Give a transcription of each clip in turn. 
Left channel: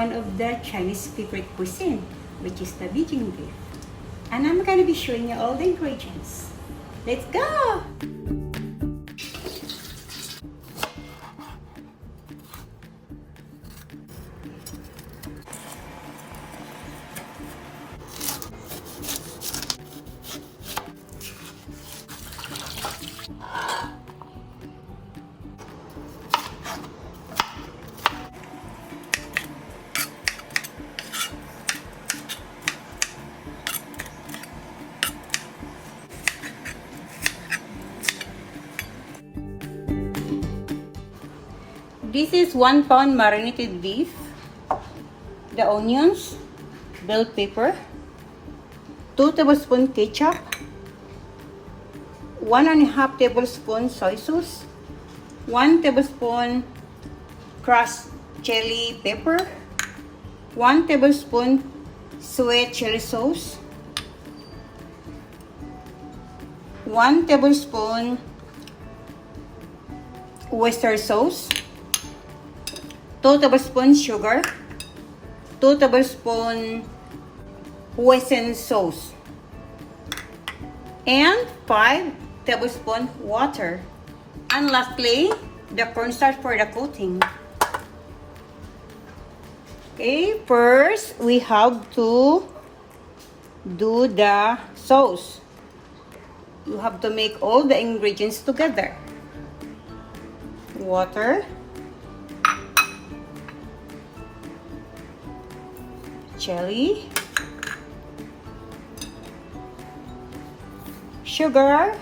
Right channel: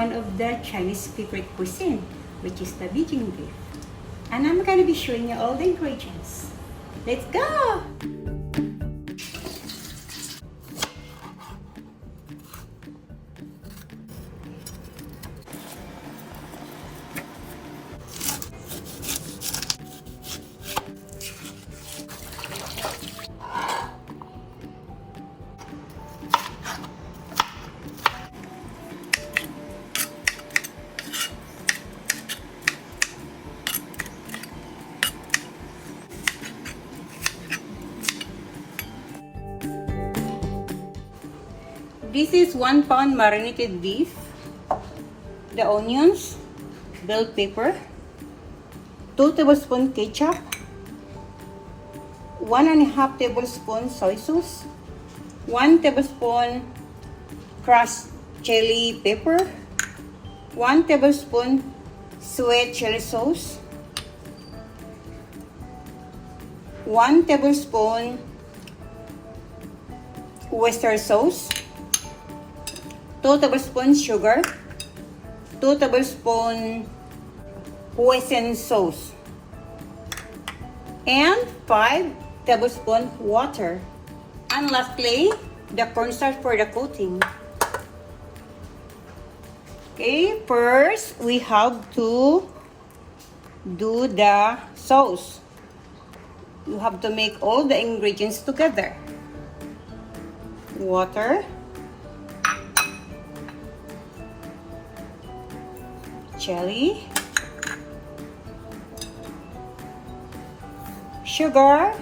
one of the Chinese favorite cuisine, which is the Beijing Beef. And I'm gonna be showing you all the ingredients. Let's go! This is 1 pound marinated beef, the onions, bell pepper, 2 tablespoons ketchup, 1.5 tablespoons soy sauce, 1 tablespoon crushed chili pepper, 1 tablespoon sweet chili sauce, 1 tablespoon oyster sauce, 2 tablespoons sugar, 2 tablespoons Hoisin Sauce, and 5 tablespoons water. And lastly, the cornstarch for the coating. Okay, first we have to do the sauce. You have to make all the ingredients together. Water, chili, sugar,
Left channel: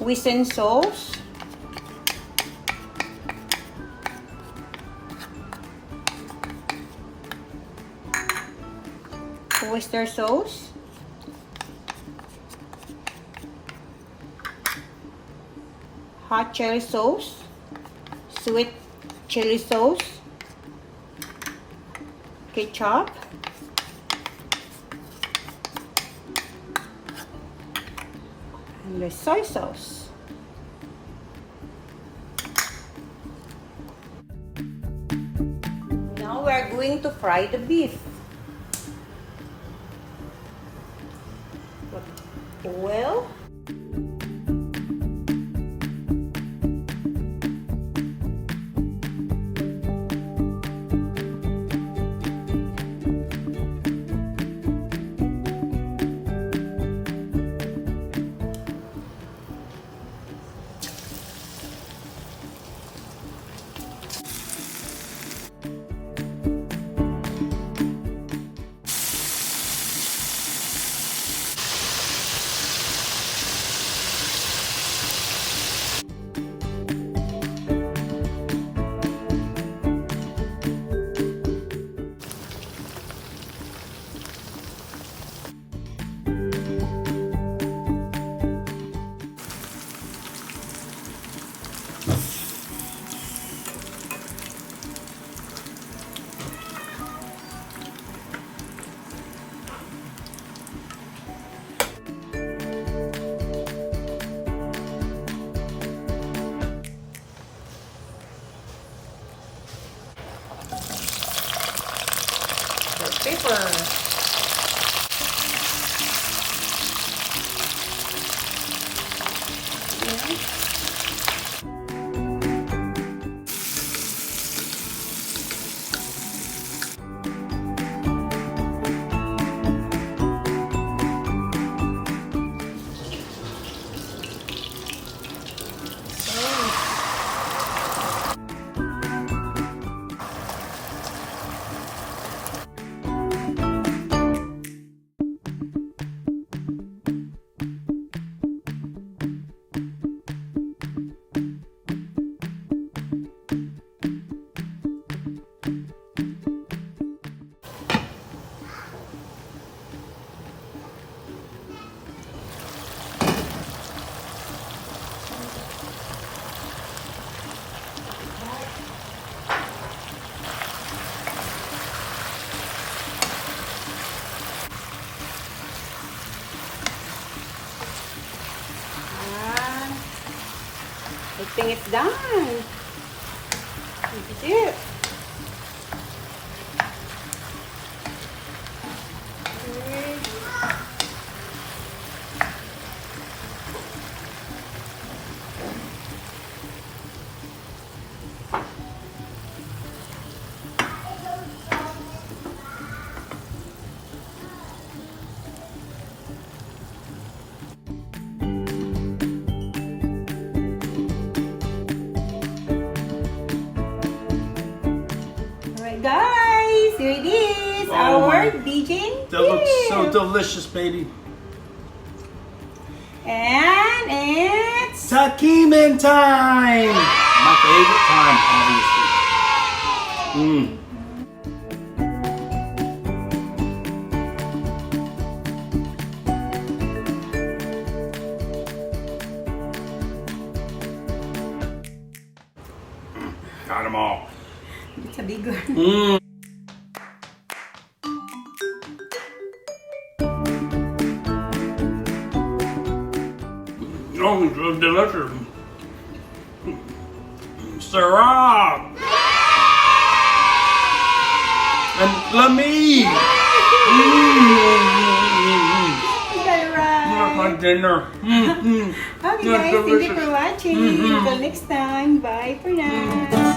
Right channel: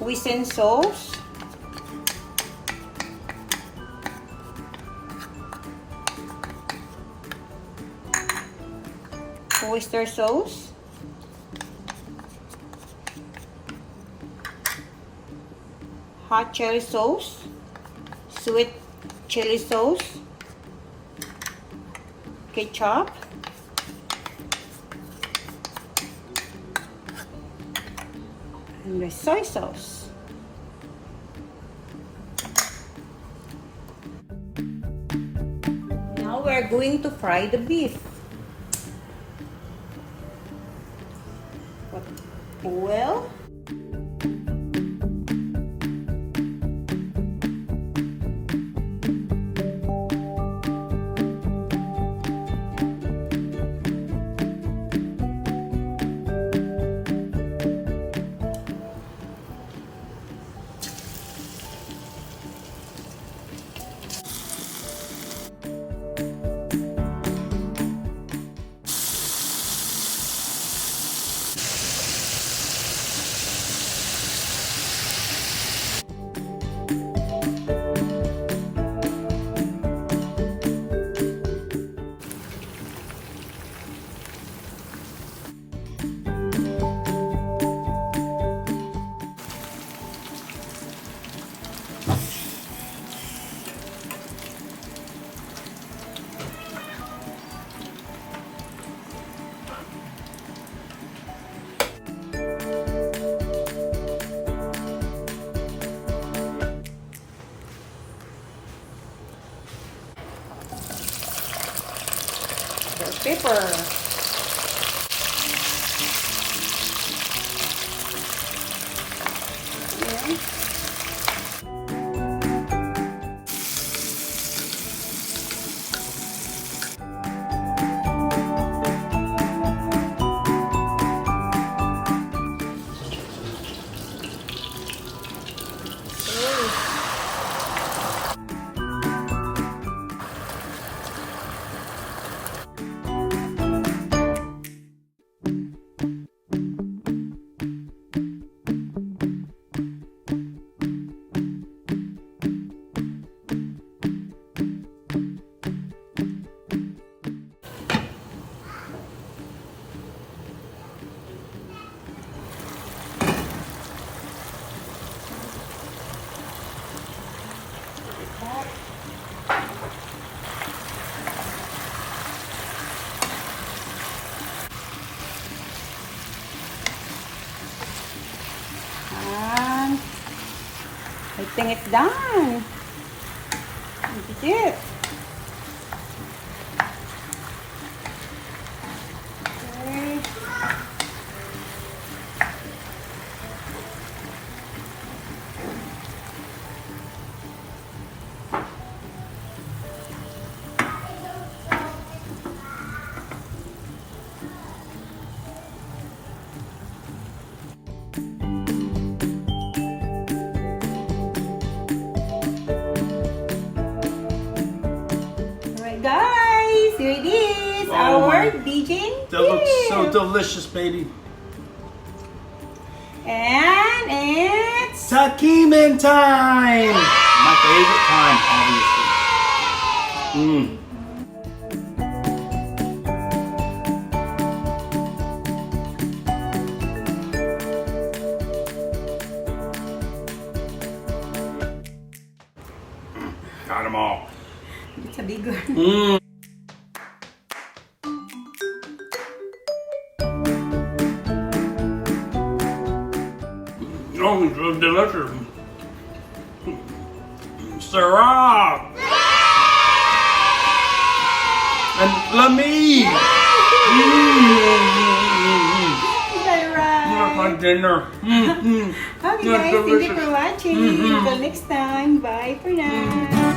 Hoisin sauce, oyster sauce, hot chili sauce, sweet chili sauce, ketchup, and the soy sauce. Now we are going to fry the beef. Oil, pepper, think it's done. Look at it. Guys, here it is, our Beijing Beef. That looks so delicious, baby. And it's Takimen time! My favorite time, obviously. Got them all. it's a big one. Oh, it's so delicious. Sarah! And Lamy! You got it right. My dinner. Okay guys, thank you for watching. Until next time, bye for now.